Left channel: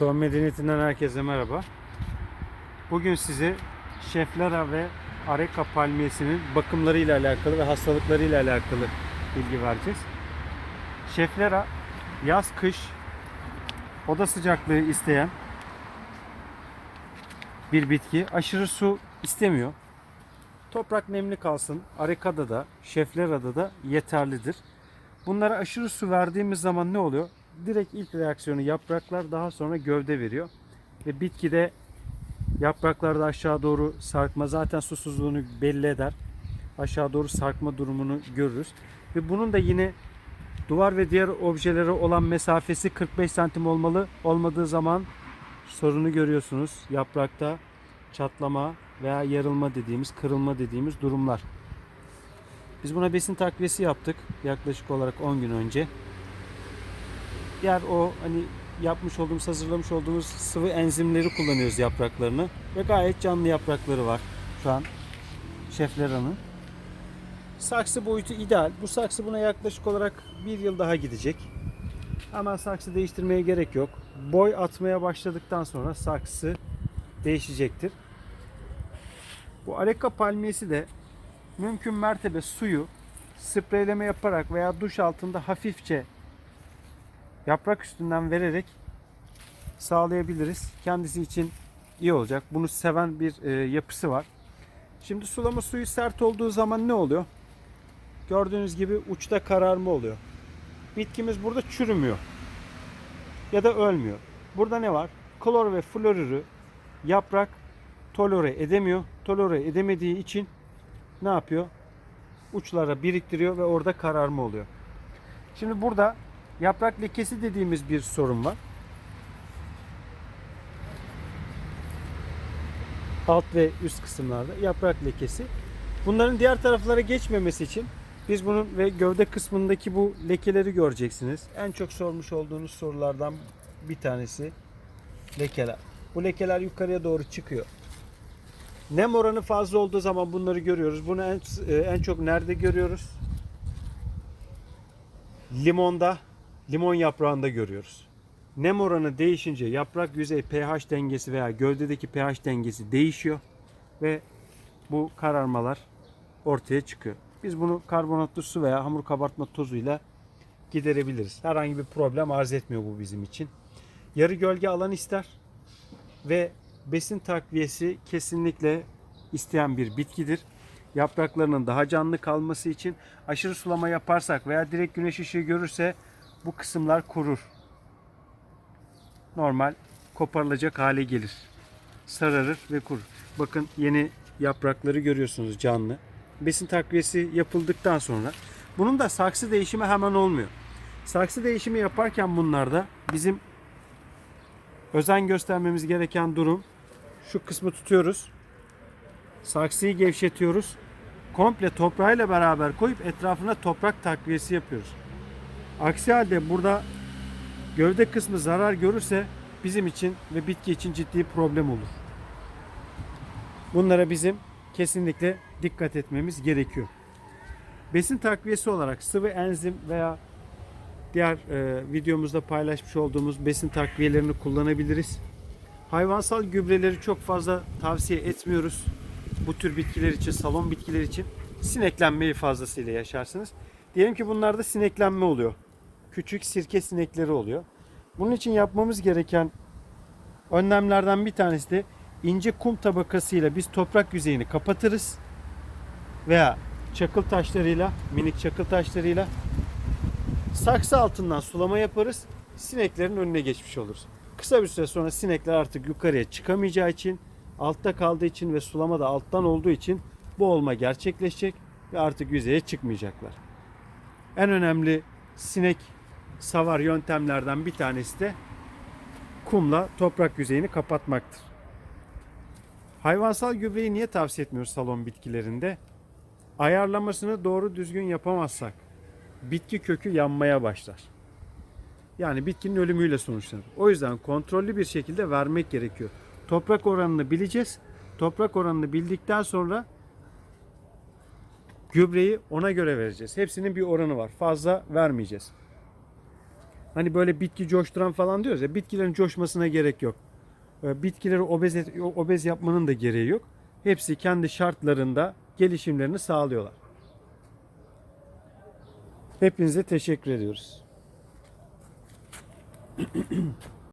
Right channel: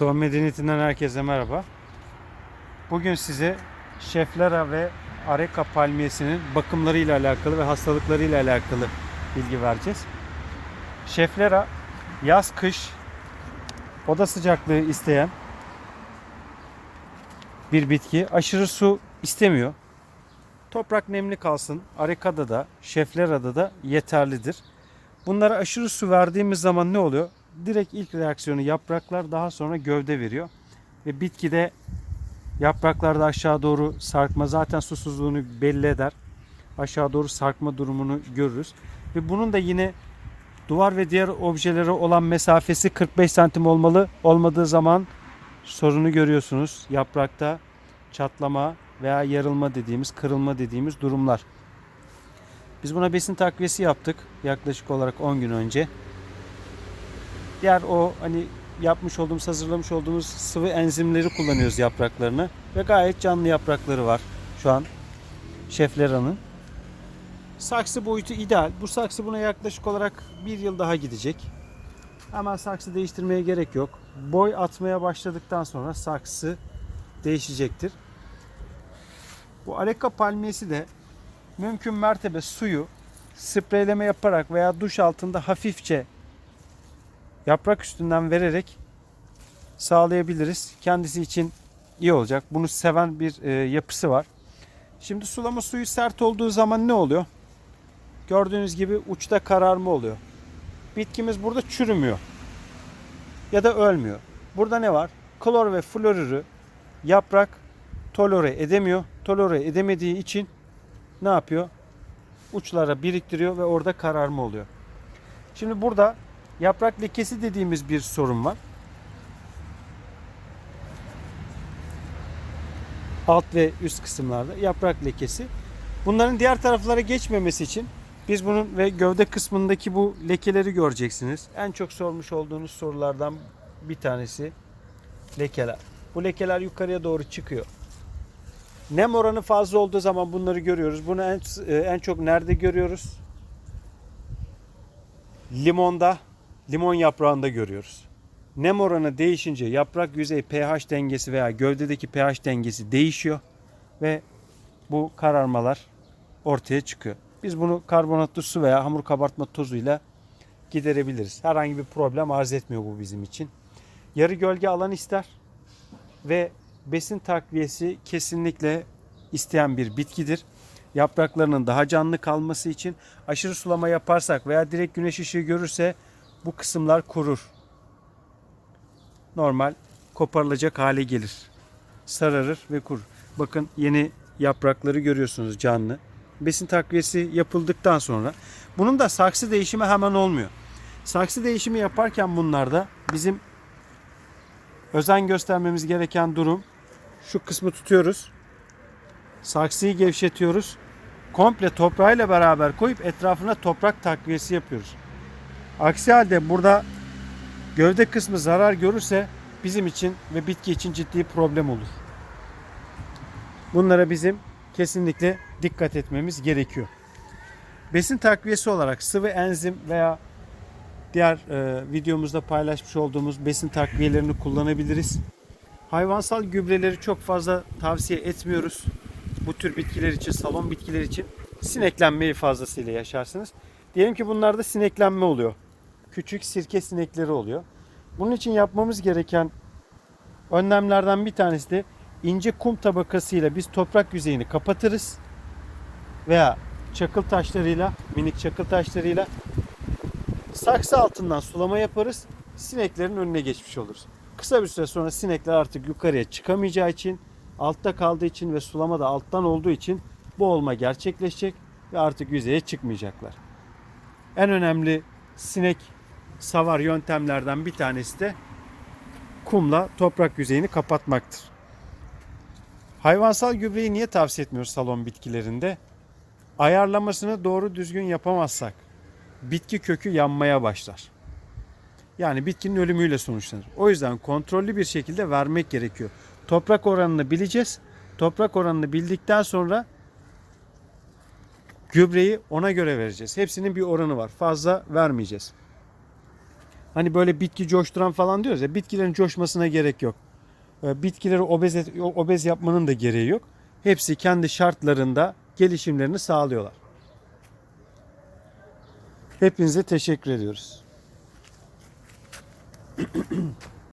Tohum Medeniyeti'nden herkese merhaba. Bugün size Şeflera ve Areca palmiyesinin bakımlarıyla alakalı ve hastalıklarıyla alakalı bilgi vereceğiz. Şeflera yaz kış oda sıcaklığı isteyen bir bitki. Aşırı su istemiyor. Toprak nemli kalsın. Areca'da da, Şeflera'da da yeterlidir. Bunlara aşırı su verdiğimiz zaman ne oluyor? Direkt ilk reaksiyonu yapraklar daha sonra gövde veriyor. Ve bitkide yapraklarda aşağı doğru sarkma zaten susuzluğunu belli eder. Aşağı doğru sarkma durumunu görürüz. Ve bunun da yine duvar ve diğer objelere olan mesafesi 45 santim olmalı. Olmadığı zaman sorunu görüyorsunuz. Yaprakta çatlama veya yarılma dediğimiz, kırılma dediğimiz durumlar. Biz buna besin takviyesi yaptık yaklaşık olarak 10 gün önce. Diğer o hani yapmış olduğumuz, hazırlamış olduğumuz sıvı enzimleri kullanıyoruz yapraklarını ve gayet canlı yaprakları var şu an Şeflera'nın. Saksı boyutu ideal. Bu saksı buna yaklaşık olarak bir yıl daha gidecek. Ama saksı değiştirmeye gerek yok. Boy atmaya başladıktan sonra saksı değişecektir. Bu Areca palmiyesi de mümkün mertebe suyu spreyleme yaparak veya duş altında hafifçe yaprak üstünden vererek sağlayabiliriz. Kendisi için iyi olacak. Bunu seven bir e, yapısı var. Şimdi sulama suyu sert olduğu zaman ne oluyor? Gördüğünüz gibi uçta kararma oluyor. Bitkimiz burada çürümüyor. Ya da ölmüyor. Burada ne var? Klor ve florürü yaprak tolere edemiyor. Tolere edemediği için ne yapıyor? Uçlara biriktiriyor ve orada kararma oluyor. Şimdi burada yaprak lekesi dediğimiz bir sorun var. Alt ve üst kısımlarda yaprak lekesi. Bunların diğer taraflara geçmemesi için biz bunun ve gövde kısmındaki bu lekeleri göreceksiniz. En çok sormuş olduğunuz sorulardan bir tanesi lekeler. Bu lekeler yukarıya doğru çıkıyor. Nem oranı fazla olduğu zaman bunları görüyoruz. Bunu en, en çok nerede görüyoruz? Limonda, limon yaprağında görüyoruz. Nem oranı değişince yaprak yüzey pH dengesi veya gövdedeki pH dengesi değişiyor ve bu kararmalar ortaya çıkıyor. Biz bunu karbonatlı su veya hamur kabartma tozuyla giderebiliriz. Herhangi bir problem arz etmiyor bu bizim için. Yarı gölge alan ister ve besin takviyesi kesinlikle isteyen bir bitkidir. Yapraklarının daha canlı kalması için aşırı sulama yaparsak veya direkt güneş ışığı görürse bu kısımlar kurur. Normal koparılacak hale gelir. Sararır ve kurur. Bakın yeni yaprakları görüyorsunuz canlı. Besin takviyesi yapıldıktan sonra bunun da saksı değişimi hemen olmuyor. Saksı değişimi yaparken bunlarda bizim özen göstermemiz gereken durum şu kısmı tutuyoruz. Saksıyı gevşetiyoruz. Komple toprağıyla beraber koyup etrafına toprak takviyesi yapıyoruz. Aksi halde burada gövde kısmı zarar görürse bizim için ve bitki için ciddi problem olur. Bunlara bizim kesinlikle dikkat etmemiz gerekiyor. Besin takviyesi olarak sıvı enzim veya diğer e, videomuzda paylaşmış olduğumuz besin takviyelerini kullanabiliriz. Hayvansal gübreleri çok fazla tavsiye etmiyoruz. Bu tür bitkiler için, salon bitkiler için sineklenmeyi fazlasıyla yaşarsınız. Diyelim ki bunlarda sineklenme oluyor. Küçük sirke sinekleri oluyor. Bunun için yapmamız gereken önlemlerden bir tanesi de ince kum tabakasıyla biz toprak yüzeyini kapatırız. Veya çakıl taşlarıyla, minik çakıl taşlarıyla saksı altından sulama yaparız. Sineklerin önüne geçmiş oluruz. Kısa bir süre sonra sinekler artık yukarıya çıkamayacağı için, altta kaldığı için ve sulama da alttan olduğu için bu olma gerçekleşecek ve artık yüzeye çıkmayacaklar. En önemli sinek savar yöntemlerden bir tanesi de kumla toprak yüzeyini kapatmaktır. Hayvansal gübreyi niye tavsiye etmiyoruz salon bitkilerinde? Ayarlamasını doğru düzgün yapamazsak bitki kökü yanmaya başlar. Yani bitkinin ölümüyle sonuçlanır. O yüzden kontrollü bir şekilde vermek gerekiyor. Toprak oranını bileceğiz. Toprak oranını bildikten sonra gübreyi ona göre vereceğiz. Hepsinin bir oranı var. Fazla vermeyeceğiz. Hani böyle bitki coşturan falan diyoruz ya bitkilerin coşmasına gerek yok. Ee, Bitkileri obez, obez yapmanın da gereği yok. Hepsi kendi şartlarında gelişimlerini sağlıyorlar. Hepinize teşekkür ediyoruz.